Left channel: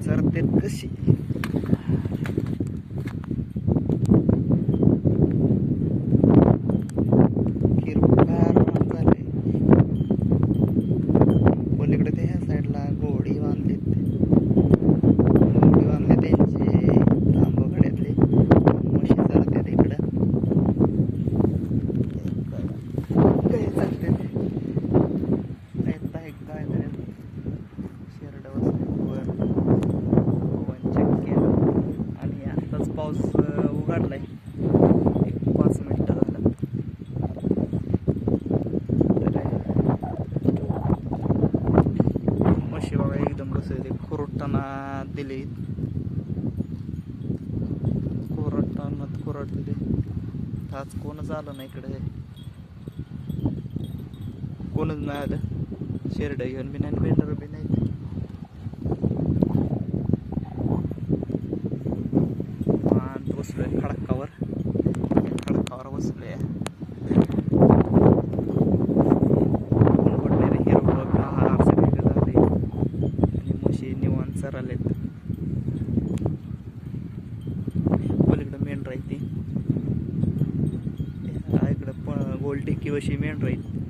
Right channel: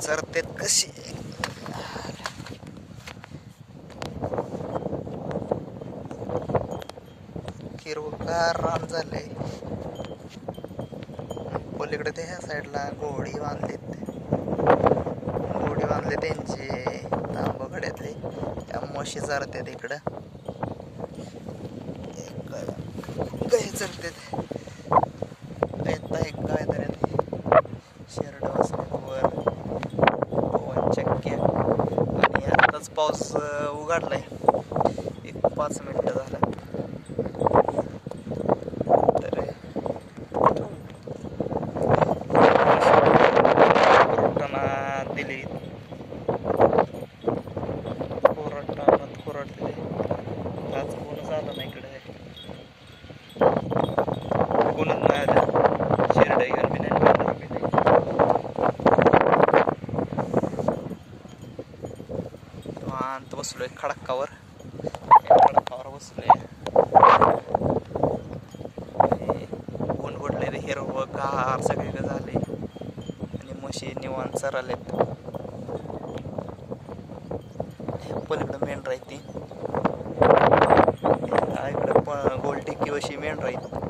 चरतेत कशी? हिरवगार रान झालंय पलीकडे ते ह्या साईडला घोडी बांधलेत. घोडी बांधले त्यांचे तांबकड्यातले त्या म्हशी चरते तिकडं गाय काय काय तरी शेरड बसले वर पवन चक्क्या आणि आताच पाऊस उघडला उघडलाय. एक पाच मिनिटं झालं. तर पुरवठाना दिली. कोरटानात पुरवठ दिली आज कोणच आलं नाही इकडे? कोणच नाही आलं. शिरडा घेऊन बी नाही निवांत बसलोय खडकावर. खडकावर बसलोय. ऊन पडले रे हिरवं गार सगळे झाले आणि म्हशी निवांत चरालेत पलीकडं मेंढ राहते इकडं प गोल टिक्की वशी मेंढ राहीत